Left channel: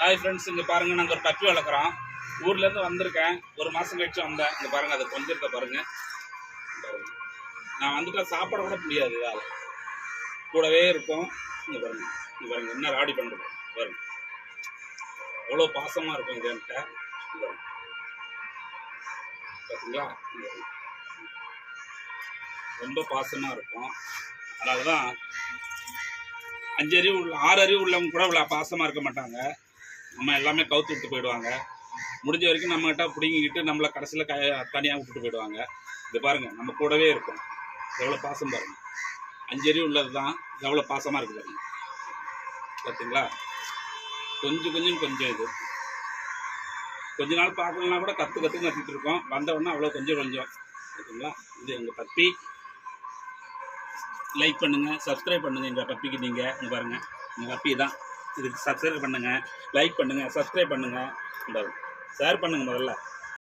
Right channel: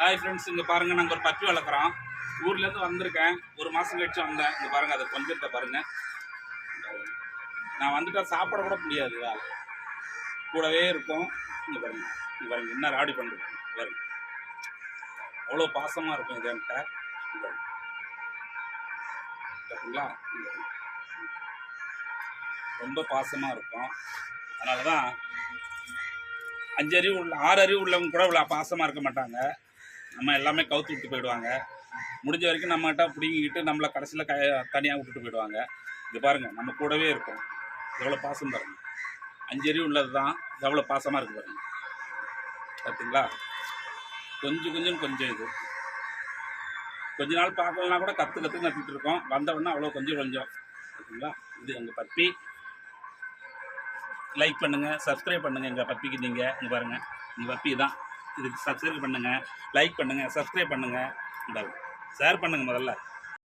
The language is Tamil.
ஹாய் ஃப்ரெண்ட்ஸ், இங்கே பாருங்கள், நாங்கள் ஒரு பப்பி வளர்க்குறோம். ஊர்லேருந்து வந்திருக்கேன், ஒரு மாதம் கழிச்சு வந்தேன். இங்கே பாருங்கள், அதை கொஞ்சம் இருக்க பாருங்கள். நான் வந்துட்டா சாப்பிட கூட முடியாது, இதால் கூடவே இருக்கும். இங்கே பாருங்கள், இங்கே பாருங்கள் என்ன ராடி பண்ணுறது பாருங்கள். அவ்வளோ பாசமாக இருக்கும் இது என்கிட்ட. பார்த்தீங்களா, ரொம்ப பாசமாக இருக்கும். அதனால தான் 5 அறிவு உள்ள 6 அறிவு உள்ளவங்க கூட இவ்வளோ பாசமாக இருக்க மாட்டாங்க. நம்ம எல்லாமே கவுத்து விட்டு போயிடுவாங்க. முடிஞ்ச வரைக்கும் நம்மகிட்ட பிடிங்கிக்கிட்டு நம்மளை கடைசியில் தனியாக விட்டுட்டு போயிடுவாங்க. இது பாருங்கள், நம்ம கூடவே இருக்கும். எவ்வளோ பாசம் பாருங்கள். 5 அறிவு உள்ளது தான் எவ்வளோ பாசமாக இருக்குது பாருங்கள். பார்த்தீங்களா, கொஞ்சம் இது கொஞ்ச நாள் பார்க்கலன்னா கூட கற்றுக்கிட்டு இருக்கோம். வந்தவுடனே அவ்வளோ கொஞ்சம் பார்த்தீங்களா. இது எங்கள் பப்பி. லைக் பண்ணுங்கள், சப்ஸ்கிரைப் பண்ணுங்கள் எங்கள் பப்பிக்கு. நீங்கள் இங்கே பாருங்கள், எங்கள் பப்பி தான். இதுக்கு சப்ஸ்கிரைப் பண்ணுங்கள், லைக் பண்ணுங்கள், சப்ஸ்கிரைப் பண்ணுங்கள், ஷேர் பண்ணுங்கள் முதல்ல.